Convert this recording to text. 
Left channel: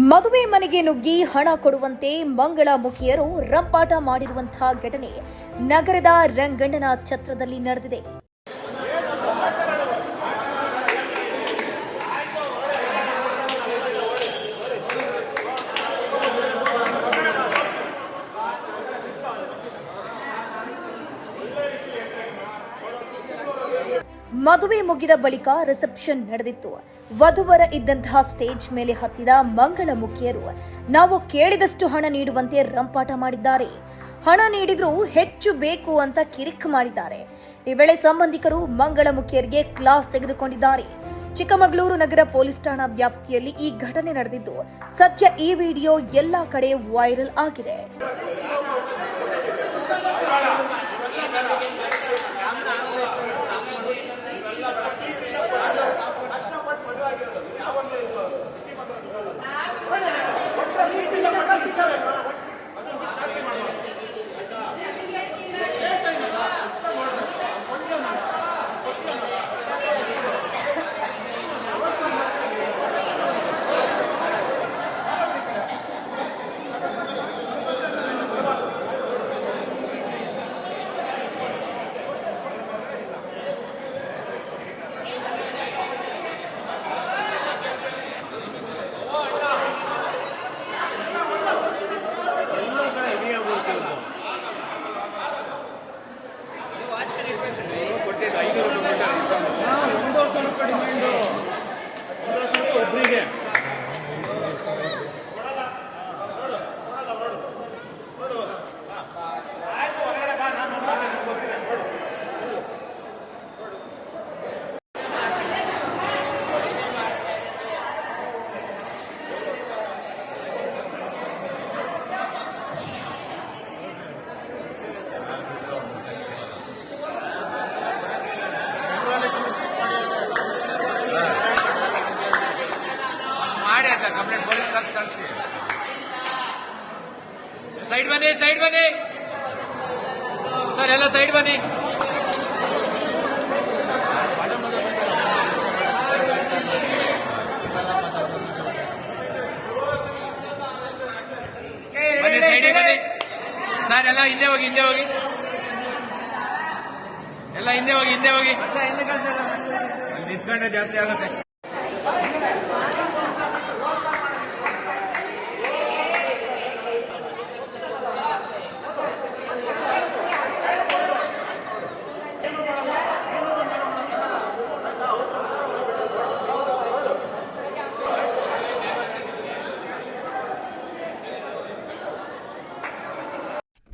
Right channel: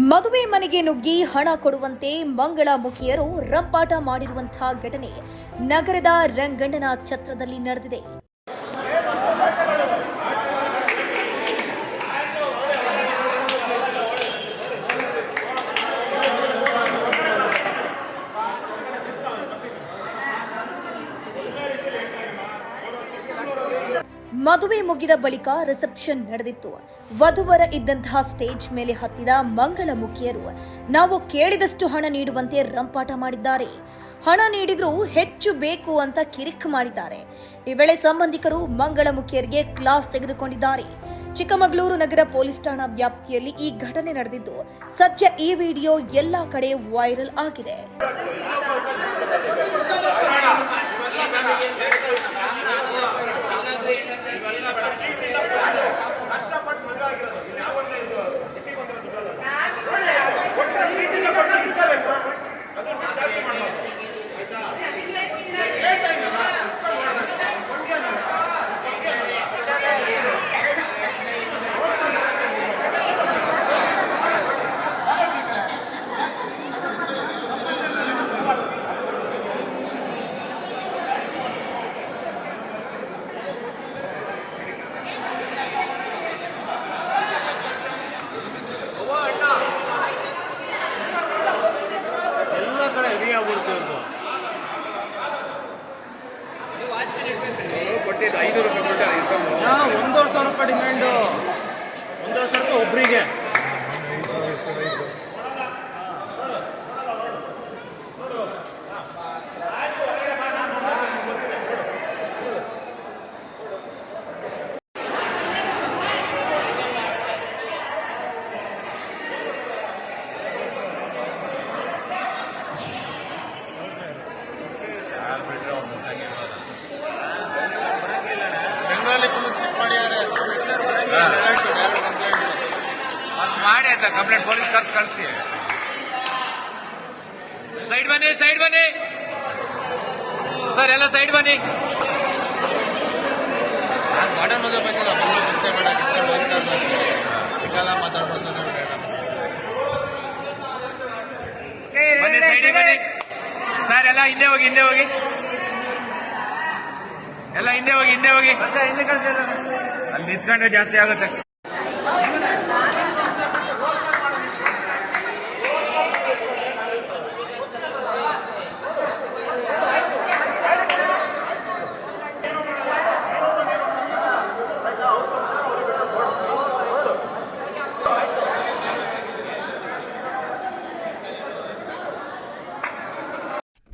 ಮದುವೆ ಮನೆಗೆ ನುಗ್ಗಿ ಹಣ ಕೊಡುವಂತೆ ಮಂಗಳ ಮುಖಿಯರು ರಂಪಾಟ ಮಾಡಿರುವಂತಹ ಘಟನೆ ನಗರದ ರಂಗಣ್ಣನ ಛತ್ರದಲ್ಲಿ ನಡೆದಿದೆ. ಮದುವೆ ಮುಗಿದ ಬಳಿಕ ರಿಸೆಪ್ಷನ್ ನಡೆದಿತ್ತು. ವಧುವರ ಇದ್ದಂತಹ ಸ್ಟೇಜ್ ಮೇಲೆ ಹತ್ತಿದ ಮಂಗಳ ಮುಖಿಯರು ನಾವು ಕೇಳಿದಷ್ಟು ಹಣ ನೀಡುವಂತೆ ರಂಪಾಟ ಮಾಡಿದ್ದಾರೆ. ಹಣ ನೀಡಿದ್ರೂ ಹೆಚ್ಚು ಬೇಕು ಅಂತ ಕಿರಿಕ್ ಮಾಡಿದ್ದಾರೆ. ಈ ವೇಳೆ ಸಂಬಂಧಿಕರು ಮಂಗಳ ಮುಖಿಯರಿಗೆ ಕ್ಲಾಸ್ ತೆಗೆದುಕೊಂಡಿದ್ದಾರೆ. ಚಿಕ್ಕಮಗಳೂರು ನಗರ ಪೊಲೀಸ್ ಠಾಣಾ ವ್ಯಾಪ್ತಿಯಲ್ಲಿ ಈ ಘಟನೆ ನಡೆದಿದ್ದು, ಸದ್ಯ ಈ ವಿಡಿಯೋ ಎಲ್ಲಾ ಕಡೆ ವೈರಲ್ ಆಗಿದೆ. breathe in. ಕಂಪ್ಲೇಂಟ್ ಪೊಲೀಸ್ ಕಳ್ಸಿ ಕಳಿಸಿ. ಸೈಡ್ ಬನ್ನಿ ಸೈಡ್ ಬನ್ನಿ. ಸರ್, ಎಲ್ಲ ಸೈಡ್ ಬನ್ನಿ. ಸರ್, ಎಲ್ಲ ಹಿಂದೆ ಹೋಗಿ ಹಿಂದೆ ಹೋಗಿ. ಎಲ್ಲ ಹಿಂದೆ ಹೋಗಿ ಹಿಂದೆ ಹೋಗಿ. ಅಲ್ಲಿ ನಿಂತ್ಕೊಂಡ್ರೆ ಜಾಸ್ತಿ ಆಗುತ್ತೆ.